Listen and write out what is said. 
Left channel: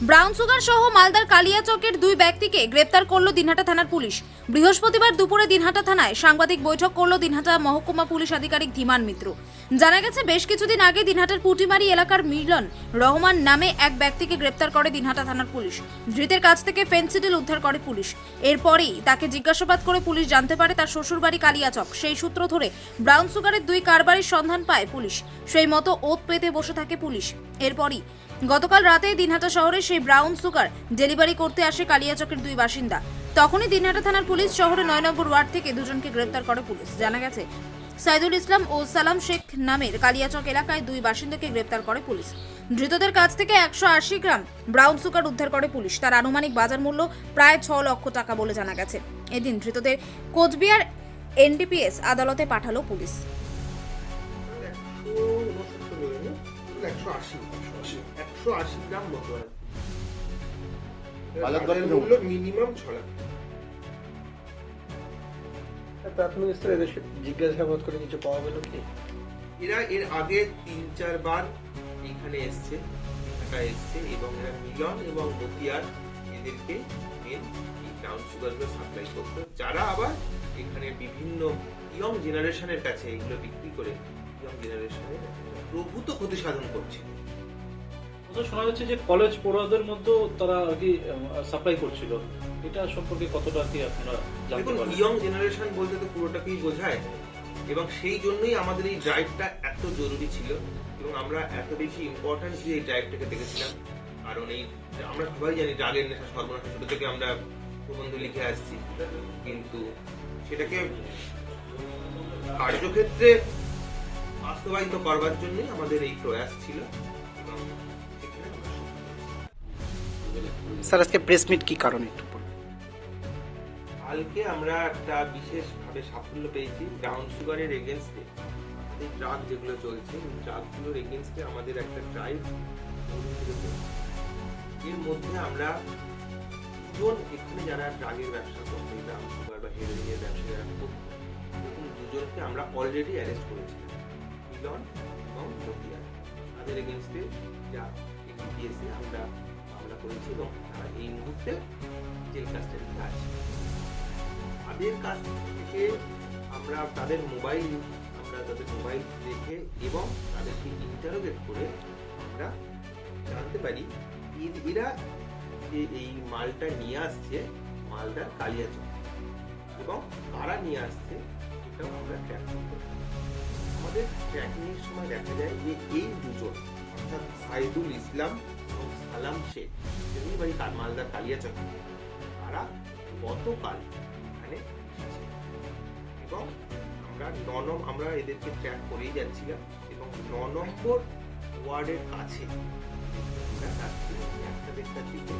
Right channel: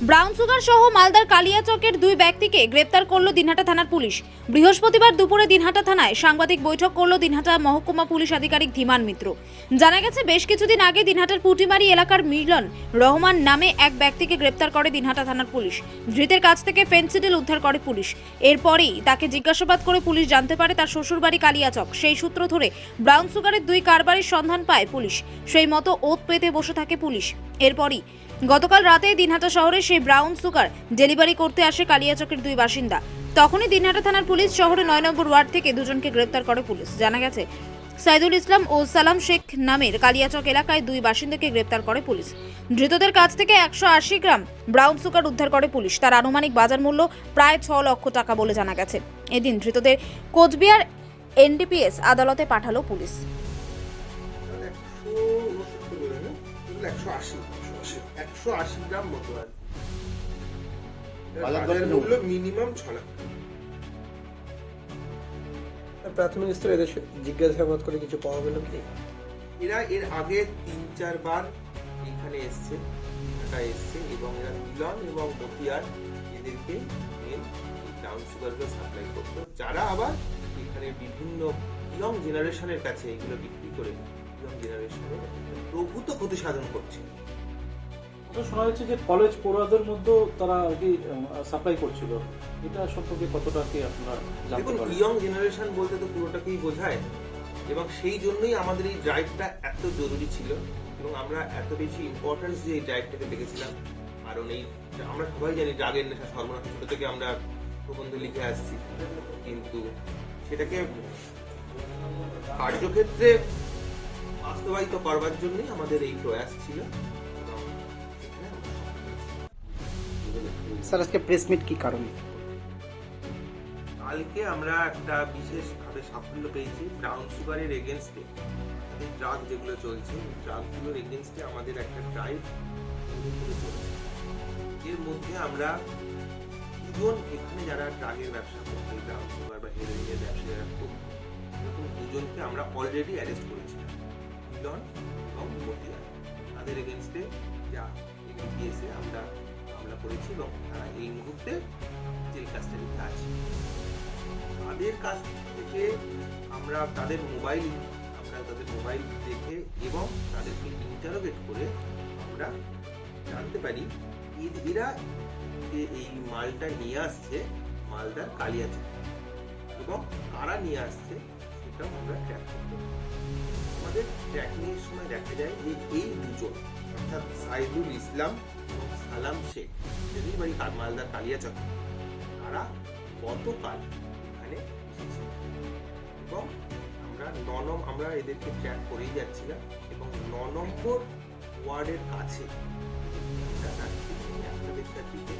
Brown sugar সহ মালদার কালিয়াচকের দুই ব্যক্তিকে গ্রেপ্তার করল দিনহাটা থানার পুলিশ। বৃহস্পতিবার দুপুরে দিনহাটা থানায় সাংবাদিক বৈঠক করল দিনহাটা মহকুমা পুলিশ আধিকারিক ধীমান মিত্র। জানা গেছে, বেশ কিছুদিন আগে দিনহাটার পুটিমারি এলাকার মিলন রহমান নামে এক ব্যক্তিকে গ্রেপ্তার করে দিনহাটা থানার পুলিশ। ধৃতের কাছ থেকে ফেন্সিডিল উদ্ধার করে পুলিশ। এরপরই তাকে জিজ্ঞাসাবাদ করে পুলিশ জানতে পারে তার শ্বশুরবাড়ি কালিয়াচক। সেই সূত্র ধরে ব্রাউন সুগারের দুই কারবারির সন্ধান পায় পুলিশ। সেই মতো ওত পেতে বসে থাকে পুলিশ। এরপরই গতকাল রাতে দিনহাটা শহরে সেই ব্রাউন সুগার ডেলিভারি করতে আসে কালিয়াচকের দুই বাসিন্দা। তখনই দিনহাটা থানার পুলিশ শহরে ৯ নম্বর ওয়ার্ড থেকে দুজনকে গ্রেপ্তার করে পুলিশ। জানা গেছে, সাইদুল ইসলাম ও সালাম শেখ নামের কালিয়াচক এলাকায় দুই বাসিন্দাকে গ্রেপ্তার করে পুলিশ। ধৃতদের কাছ থেকে ১৮০ গ্রাম ব্রাউন সুগার উদ্ধার করে পুলিশ। তার আনুমানিক বাজার মূল্য প্রায় ৬ লক্ষ টাকা বলে জানা গেছে। এদিন ধৃতদের কোচবিহার এনডিপিএস আদালতে পাঠালো পুলিশ। 180 গ্রাম মতো আর বাজার মূল্য মিনিমাম 6 লাখ। প্রাথমিক স্তরে এদের জিজ্ঞাসাবাদ করে কিছু পাওয়া গেল কি? এরা এর আগে ৩-৪ বার এখানে এসছে, ঢাকায় এসছে, এবং এরা মিলন এবং মতিয়ার এদেরকে মেন এই ব্রাউন সুগারগুলো সাপ্লাই করতো, যারা আবার এখানে বিভিন্ন ইয়ং জেনারেশনের কাছে এগুলো বিক্রি করে ইয়ং জেনারেশনের প্রভূত ক্ষতি সাধন করছিল। শোনা যাচ্ছে যে কলেজ পড়ুয়াদের মধ্যে তারা আর কি সাপ্লাই করছিল, এটা সম্পর্কে কতটা কি আপনারা জানতে দেখুন, পারেন? ইয়ং জেনারেশন বলতে তো পুরোটাকেই বোঝায়, এবং সেই জন্যই আমাদের এই ড্রাইভটা এত জরুরি ছিল, এবং আমরা এত বেশি ইম্পর্টেন্স দিয়ে এই ড্রাইভটাকে দেখেছিলাম। কারণ এই আমরা সবাই জানি ড্রাগের নেশা সর্বনাশ, ছোট থেকে আমরা প্রবন্ধ লিখে আসছি, কিন্তু সেটাকে কার্যক্ষেত্রে বাস্তবায়িত করবার জন্যই আমাদের এই প্রয়াস ছিল, এবং সেখানে আমরা সফল হয়েছি। স্যার, আজকে প্রেস মিট কি কারণে একটু বলুন। কালকে আমরা একটা বিশেষভাবে সাফল্য পেয়েছি ব্রাউন সুগারের এগেনস্টে। এই ড্রাগ যেগুলো চলছে, এই ড্রাগগুলোর এগেনস্টে আমাদের একটা ড্রাইভ শুরু করেছি। এর মধ্যে আমরা দুজন এখানে যারা ড্রাগের ব্যবসা করতো, ব্রাউন সুগার বা হেরোইনের ব্যবসা যারা করতো, এরকম দুজনকে আমরা অলরেডি অ্যারেস্ট করেছিলাম, মিলন এবং মতিয়ার। তাদের এগেনস্টে যা এনডিপিএসে আমরা মামলা করেছি, এবং তারা এই মুহূর্তে জেল কাস্টাডিতে আছে। তাদের কাছ থেকে আমরা তাদের মোবাইল দেখে এবং তাদেরকে ইন্টারোগেট করে আমরা জানতে পারি এরা এই মালটা নিয়ে আসছে মালদার কালিয়াচক, এবং কারা নিয়ে আসছে সেটাও আমরা ট্র্যাক করতে পারি। আমাদের ট্র্যাকিংয়ের সময় দেখা যায় যে এই দুজন, অর্থাৎ সাইদুল ইসলাম এবং সালাম শেখ, এদের বাড়ি মালদার কালিয়াচক, তারা গতকাল এখানে এসেছে, এবং আমরা এদেরকে ট্র্যাক করেই যাচ্ছিলাম, এবং ৯ নম্বর ওয়ার্ডের কাছে আমরা রাত্রি 1:30টার দিকে